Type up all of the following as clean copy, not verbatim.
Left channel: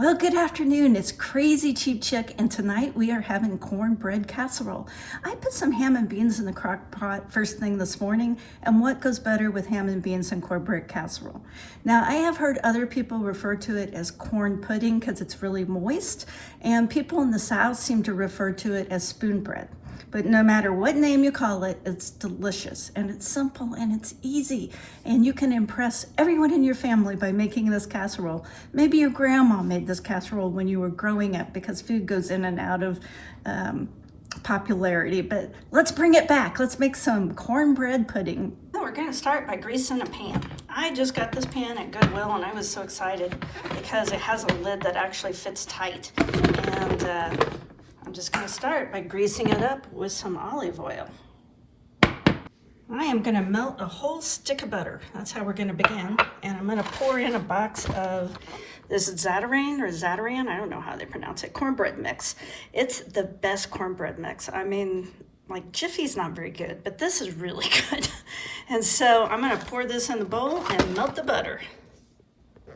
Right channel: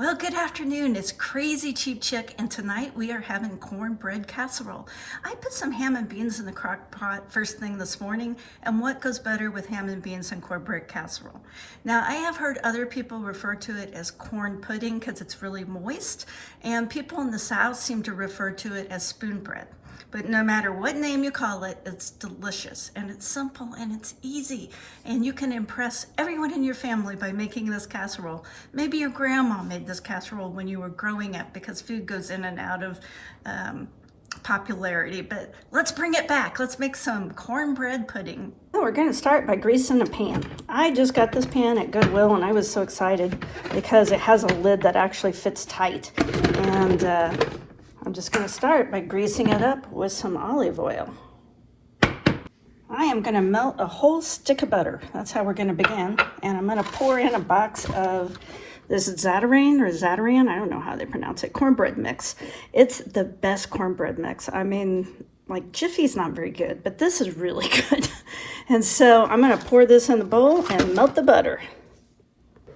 Well, good afternoon. It's Crazy Cheap Chick, and tonight we are having cornbread casserole. I put some ham and beans in the crock pot first thing this morning, and what goes better with ham and beans and cornbread casserole? Now, I have heard other people refer to it as corn pudding because it's really moist, and people in the South seem to refer to it as spoonbread. But no matter what name you call it, it's delicious and it's simple and it's easy. And you can impress everyone in your family by making this casserole. Maybe your grandma made this casserole when you were growing up because food goes in and out of popularity. But let's bring it back. Let's make some cornbread pudding. We're gonna start by greasing a pan. I just got this pan at Goodwill and I was so excited because it has a lid that actually fits tight. And I'm just going to start by greasing it up with some olive oil. I am going to melt a whole stick of butter. That's how we're going to begin. And I'm going to pour in a box of this Zatarain, I don't know how they pronounce it, cornbread mix. It's the best cornbread mix. I mean, like Jiffy's not very good, but this is really good. And so I'm going to pour this in the bowl and melt the butter.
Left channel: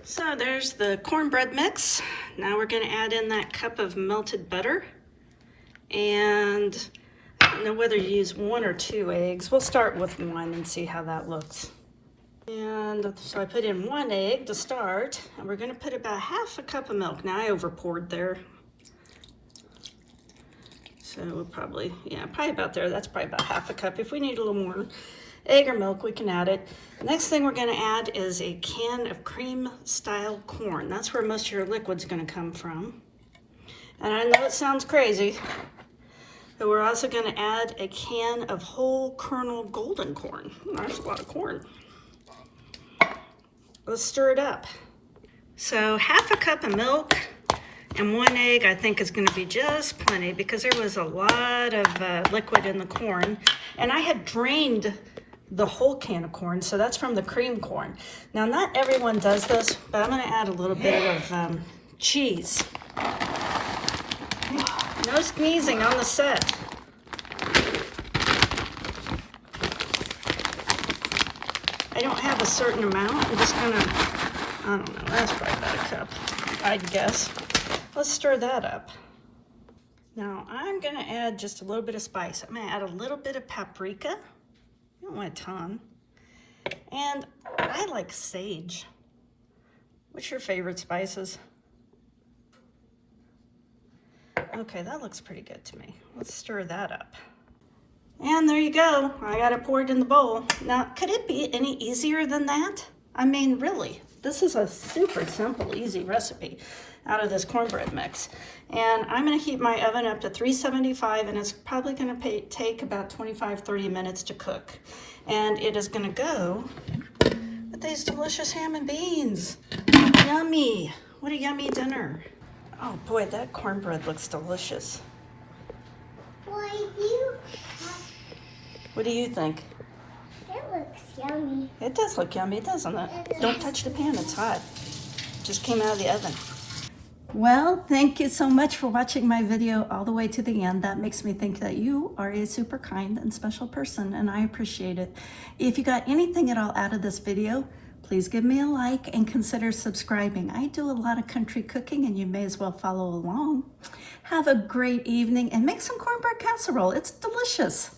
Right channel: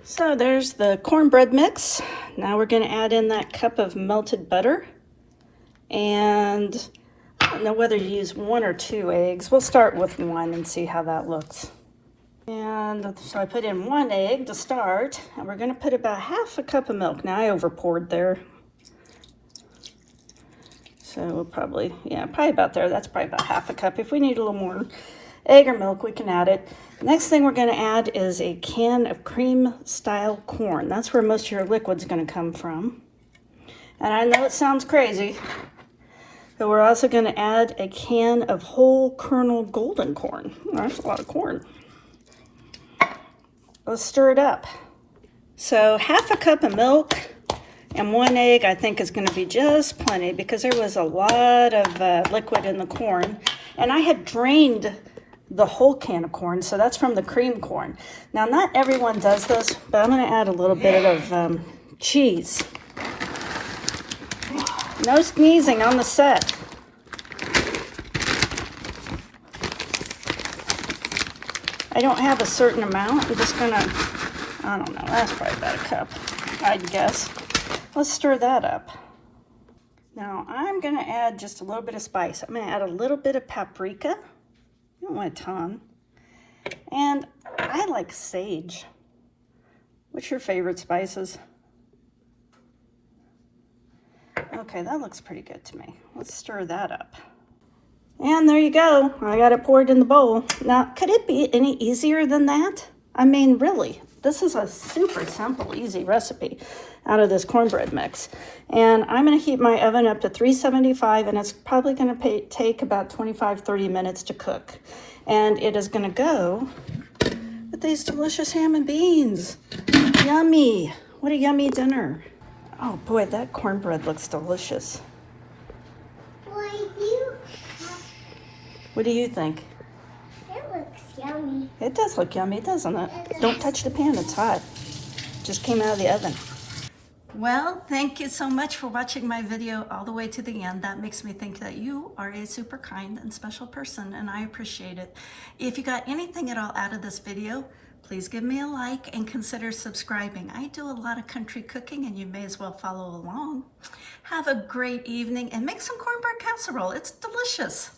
So there's the cornbread mix. Now we're going to add in that cup of melted butter. And I don't know whether you use 1 or 2 eggs. We'll start with 1 and see how that looks. And so I put in 1 egg to start, and we're going to put about half a cup of milk. Now I over poured there. So we'll probably about there. That's probably about half a cup. If we need a little more egg or milk, we can add it. Next thing we're going to add is a can of cream style corn. That's where most of your liquid's going to come from. And I know it sounds crazy, but we're also going to add a can of whole kernel golden corn. That's a lot of corn. Let's stir it up. So half a cup of milk and 1 egg I think is going to be just plenty because there was a lot of liquid in the corn. And I had drained the whole can of corn, so that's from the cream corn. Now, not everyone does this, but I'm going to add a little bit of cheese. No sneezing on the set. I don't have a certain amount. I'm just gonna, I don't know, that's probably about a cup, I'd guess. Let's stir that up. Now I'm gonna add just a little bit of spice. I'm gonna add a little bit of paprika. I don't want a ton. And I like sage. What's your favorite spices? Okay, that looks pretty good to me. Let's stir that up. And there you go. I got it poured in the bowl. Now, could it be any easier than that? I mean, really, this is a super simple, easy recipe out of this cornbread mix. And I'm going to heat my oven up to 375, and it's probably going to take about 25-30 minutes to cook. And it is going to go with these delicious ham and beans. Yummy. What a yummy dinner. Oh boy, that cornbread looks delicious. What do you think? It looks yummy. It does look yummy, doesn't it? Don't touch the pan, it's hot. Just came out of the oven. Well, thank you so much for watching my video all the way to the end. That makes me think that you are a super kind and special person, and I appreciate it. If you got anything at all out of this video, please give me a like and consider subscribing. I do a lot of country cooking and you may as well follow along. Have a great evening and make some cornbread casserole. It's delicious.